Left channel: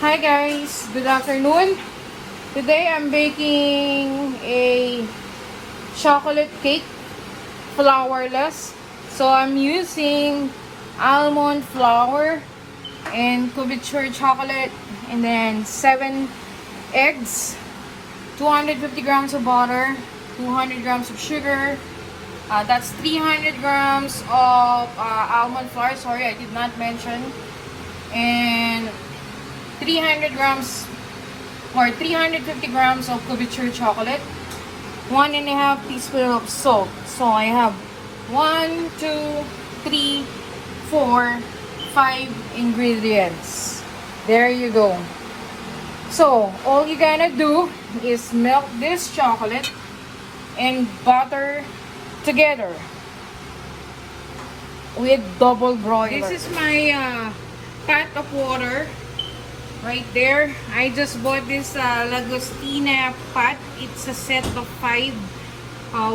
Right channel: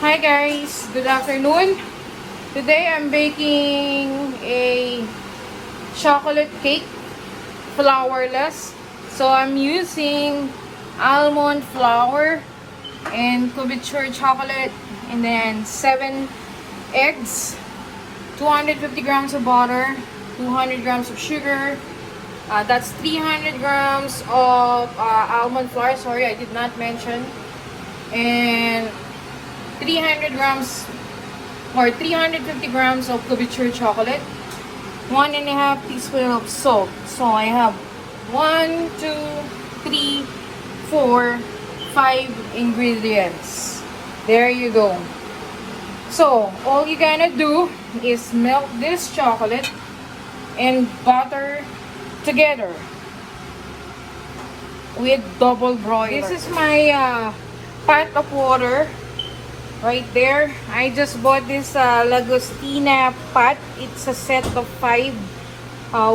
Hi guys, good afternoon. Today I'm baking a chocolate cake, flourless. So I'm using almond flour and couverture chocolate and then 7 eggs, 250 grams of butter, 200 grams of sugar. That's 300 grams of almond flour. Sorry, I did not mention. And 300 grams or 350 grams of couverture chocolate, 1.5 teaspoons of salt. So I have 1, 2, 3, 4, 5 ingredients. There you go. So all you're gonna do is melt this chocolate and butter together with double broiler. This is my pot of water. Right there, I just bought this Lagostina pot. It's a set of 5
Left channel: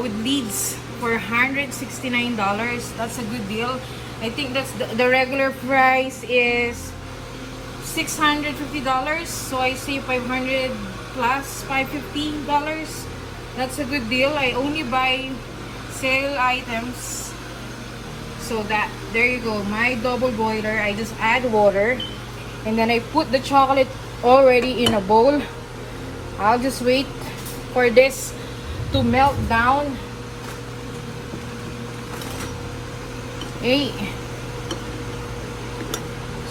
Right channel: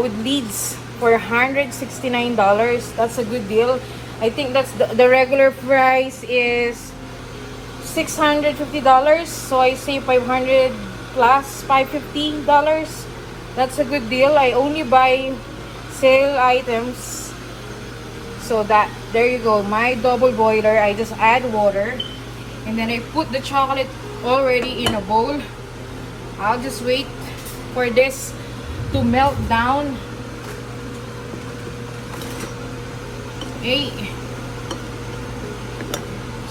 with leads for $169. That's a good deal. I think that's the regular price is $650. So I say 500 plus $550. That's a good deal. I only buy sale items. So there you go. My double boiler. I just add water. And then I put the chocolate already in a bowl. I'll just wait for this to melt down. Okay.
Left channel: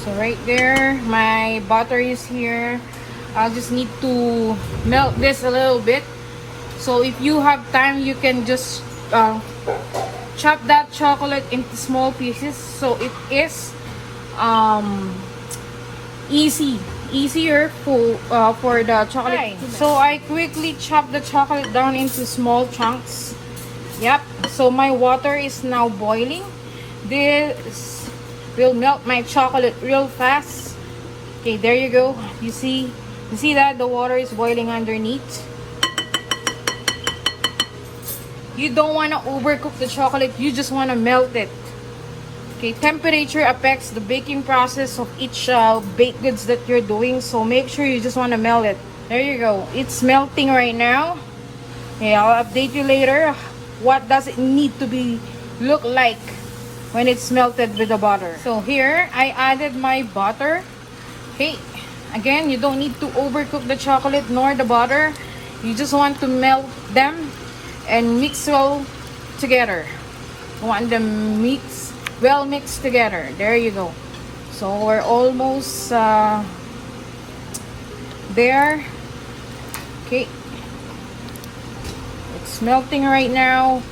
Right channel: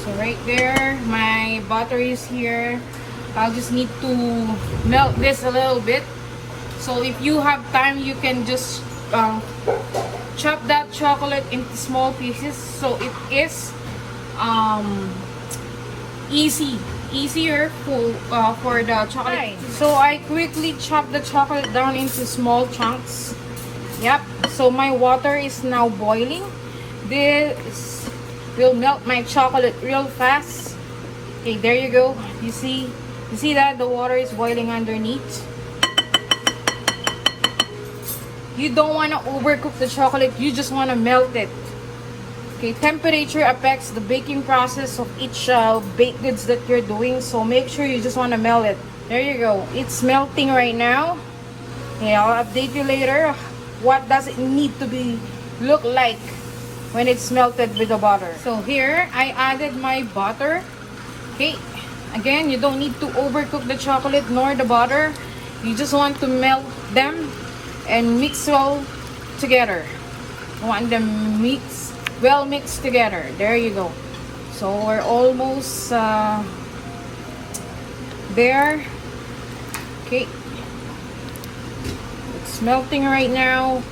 So right there, my butter is here. I'll just need to melt this a little bit. So if you have time, you can just chop that chocolate into small pieces. So it is easier for the chocolate. Right. So I quickly chop the chocolate down into small chunks. Yep. So my water is now boiling. This will melt my chocolate real fast. Okay, there you go. You see that the water is boiling underneath. You don't want to overcook the chocolate. You just want to melt it. Okay, temperature affects the baking process of each baked goods that you're doing. So make sure you just want to melt it. There you go. It's melting right now. Okay, I'll update you later. What does it need to look like when it's melted with the butter? So here, I added my butter. Okay, again, you don't need to overcook the chocolate nor the butter. You just want to melt them and mix well together. You want them well mixed together. There you go. So we're almost there. Okay, it's melting right now.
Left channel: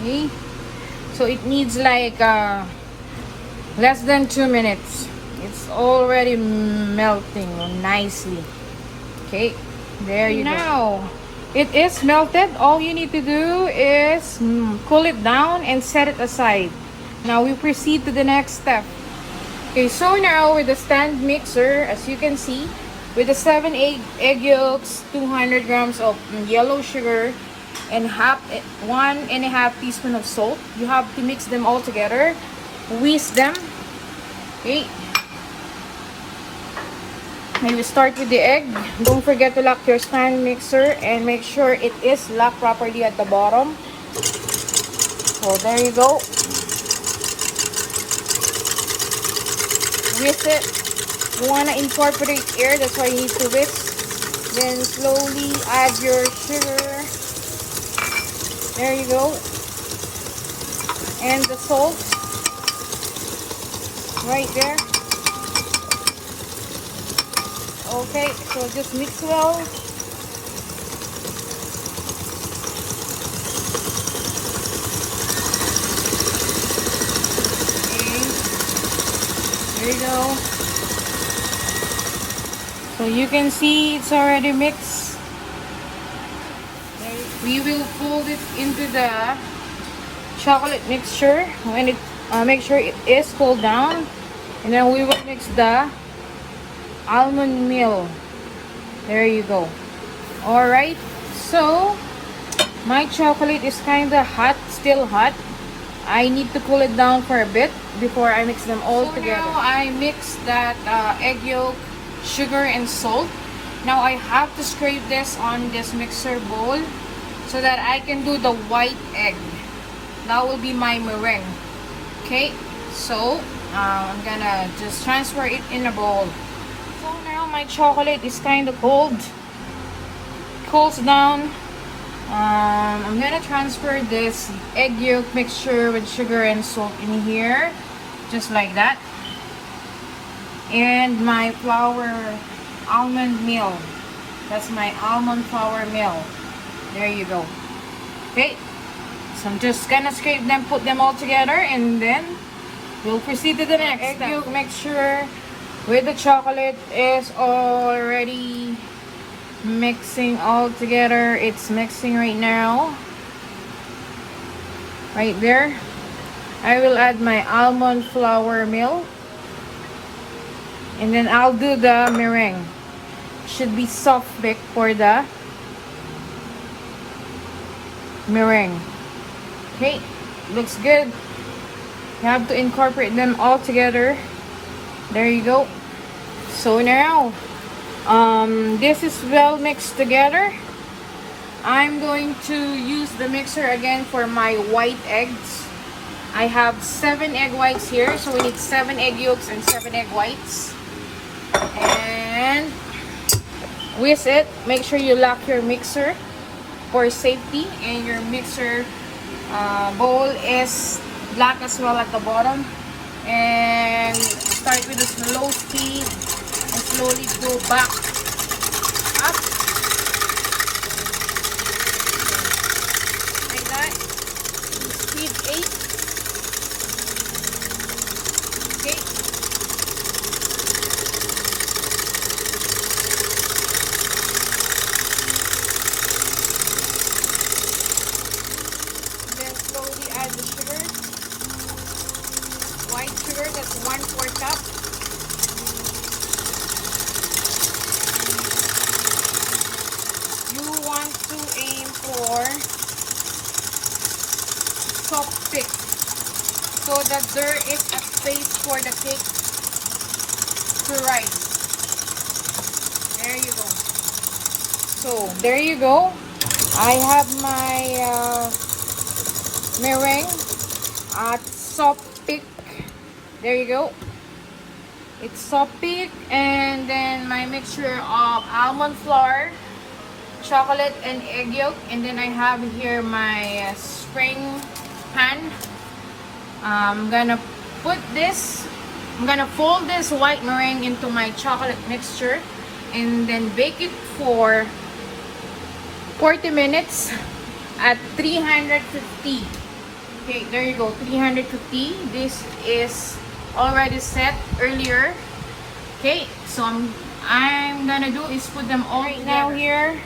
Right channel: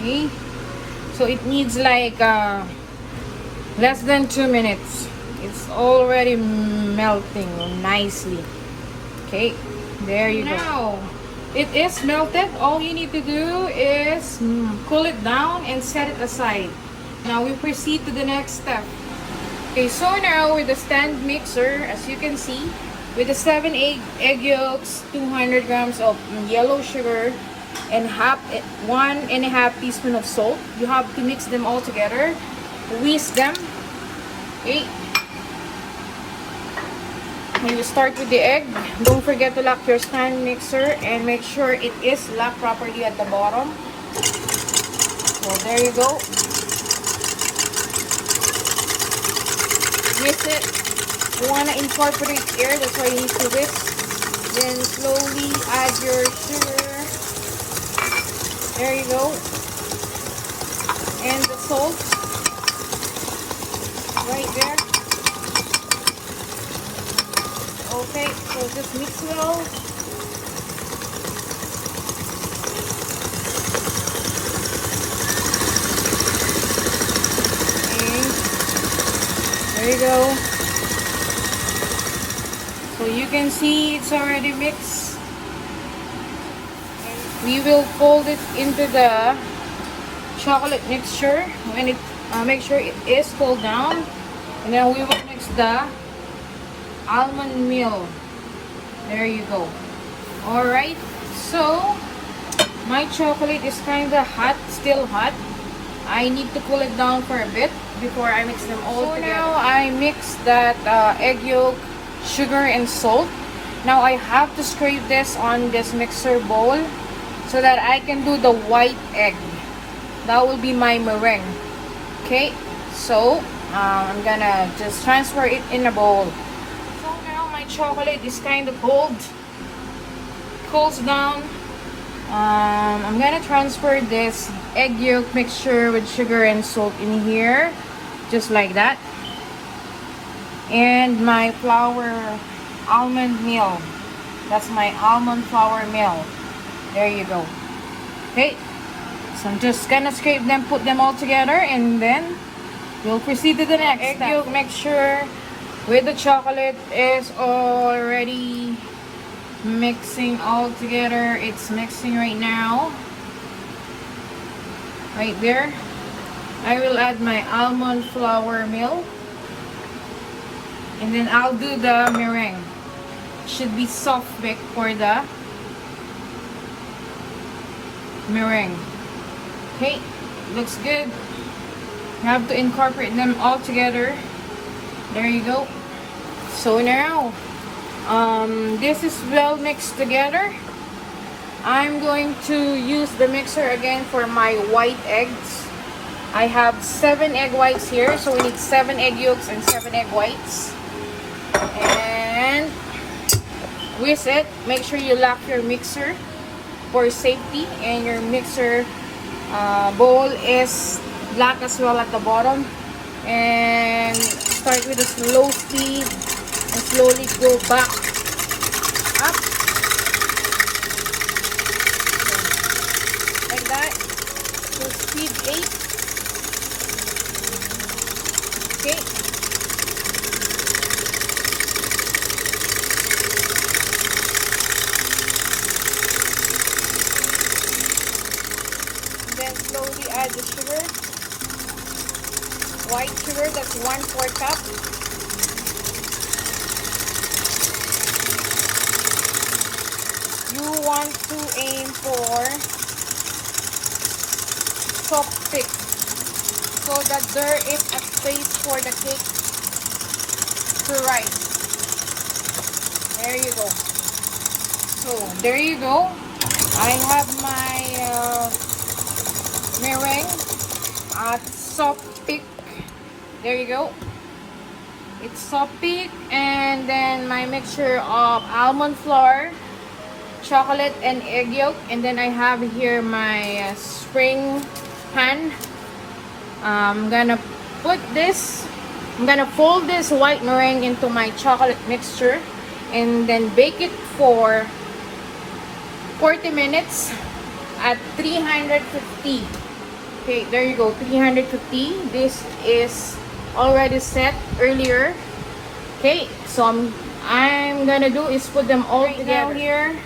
Okay, so it needs like less than 2 minutes. It's already melting nicely. Okay, there you go. It is melted. All you need to do is cool it down and set it aside. Now we proceed to the next step. Okay, so now with the stand mixer, as you can see, with the 7 egg yolks, 200 grams of yellow sugar, and 1.5 teaspoon of salt, you have to mix them all together. Whisk them. Okay. When you start with the egg, don't forget to lock your stand mixer and make sure it is locked properly at the bottom. So there you go. Whisk it. You want to incorporate air, that's why you need to whisk. Then slowly add your sugar. There you go. And the salt. Right there. Okay, so just mix well. Okay. There you go. So you can see it's already mixed. We will fold it into the chocolate mixture when it make sure it is cooled down, and then we will mix the almond meal. There you go. Alright, so my chocolate is kind of hot, still hot. I need to cool it down for a bit before I mix them all together. Now I mix that egg yolk, sugar, and salt. Now I have to scrape this on this mixer bowl so that I can do the white egg. That will be my meringue. Okay, so I'm gonna just transfer it in a bowl. So now my chocolate is kind of old, cools down. I'm gonna transfer this egg yolk mixture with sugar and salt in here, just like that. And my almond meal. That's my almond flour meal. There you go. Okay, so I'm just gonna scrape them, put them all together, and then we'll proceed to the next egg yolk mixture with the chocolate is already mixing all together. It's mixing right now. Right there. I will add my almond flour meal. And then I'll do the meringue. Should be soft bake for the meringue. Okay, looks good. You have to incorporate them all together. There you go. So now this is well mixed together. I'm going to use the mixer again for my white eggs. I have 7 egg whites here, so we need 7 egg yolks and 7 egg whites. And with it, make sure you lock your mixer for safety, and your mixer bowl is black as well at the bottom. And start with a slow speed and slowly go back up like that. So speed 8. Okay. And then slowly add the sugar. White sugar, that's 1/4 cup. You want to aim for soft thick so that there is a space for the cake to rise. There you go. So there you go. I have my meringue at soft thick. There you go. It's soft thick, and then my mixture of almond flour, chocolate, and egg yolk. And then I have here my spring pan. I'm gonna fold this white meringue into my chocolate mixture and then bake it for 40 minutes at 350. Okay, there you go, 350. This is already set earlier. Okay, so I'm gonna do is put them all right together now here.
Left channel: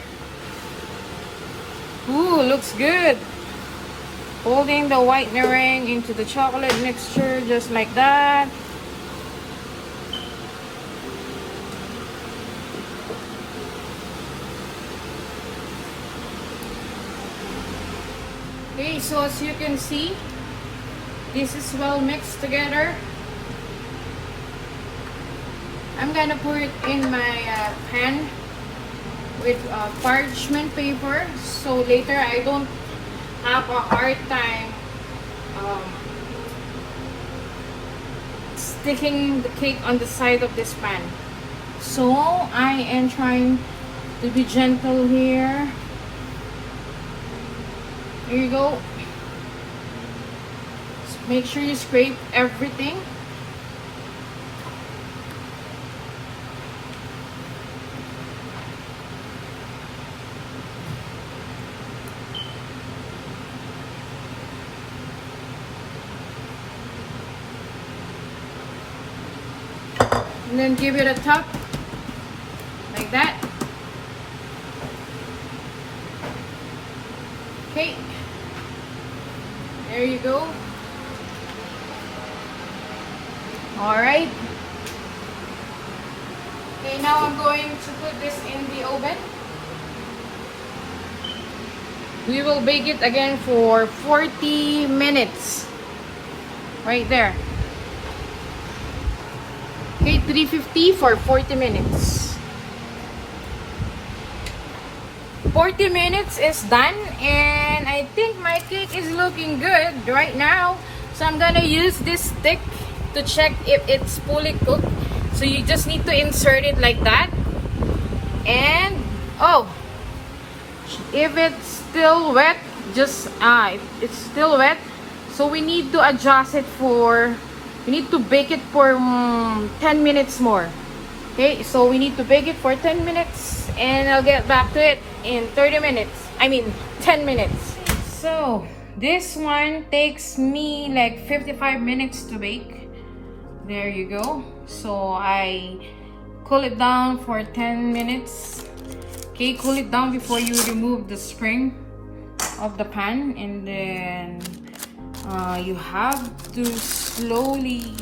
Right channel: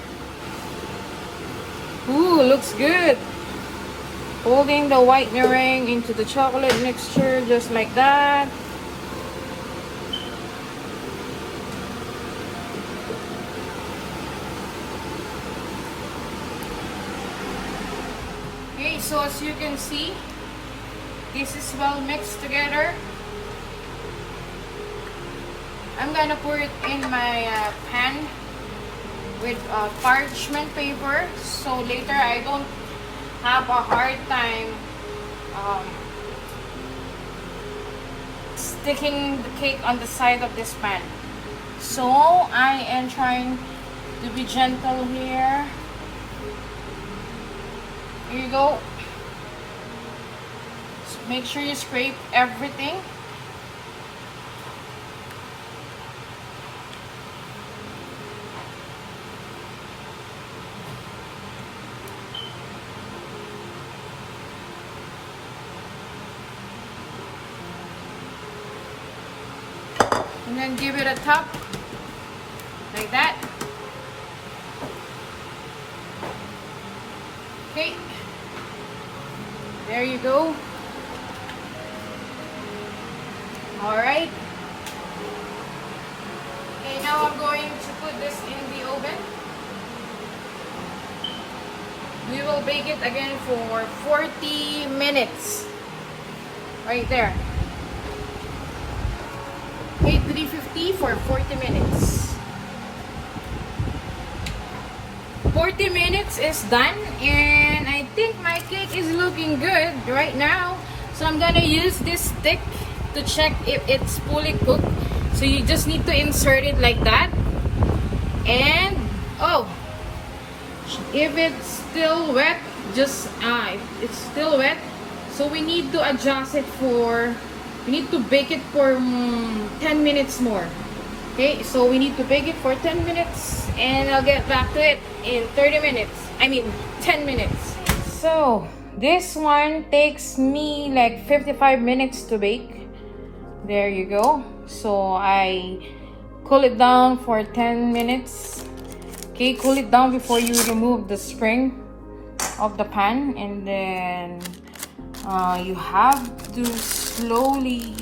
Ooh, looks good. Folding the white meringue into the chocolate mixture just like that. Okay, so as you can see, this is well mixed together. I'm gonna pour it in my pan with parchment paper, so later I don't have a hard time sticking the cake on the side of this pan. So I am trying to be gentle here. Here you go. Make sure you scrape everything. And then give it a tap like that. Okay, there you go. All right. Okay, now I'm going to put this in the oven. We will bake it again for 40 minutes. Right there. Okay, 350 for 40 minutes. 40 minutes is done, and I think my cake is looking good right now. So I'm gonna use this stick to check if it's fully cooked. So you just need to insert it like that. And oh, if it's still wet, just it's still wet, so we need to adjust it for, we need to bake it for 10 minutes more. Okay, so we need to bake it for 10 minutes, and I'll get back to it in 30 minutes. I mean 10 minutes. So this one takes me like 55 minutes to bake. There you go. So I cool it down for 10 minutes. Okay, cool it down before you remove the spring of the pan, and then you have to slowly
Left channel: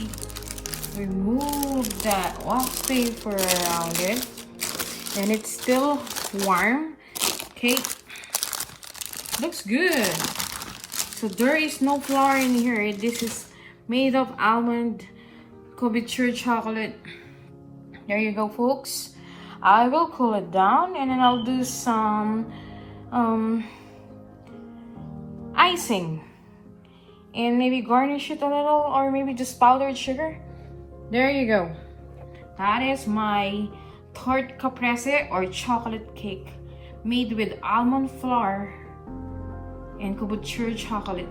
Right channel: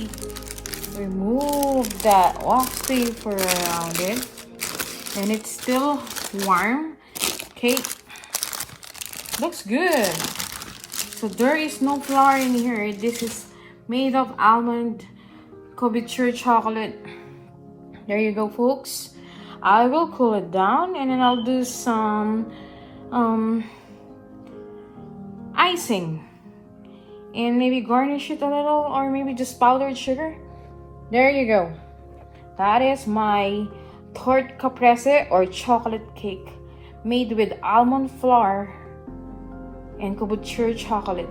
remove that wax paper around it, and it's still warm. Okay, looks good. So there is no flour in here. This is made of almond couverture chocolate. There you go, folks. I will cool it down, and then I'll do some icing and maybe garnish it a little, or maybe just powdered sugar. There you go. That is my tort caprese or chocolate cake made with almond flour and couverture chocolate.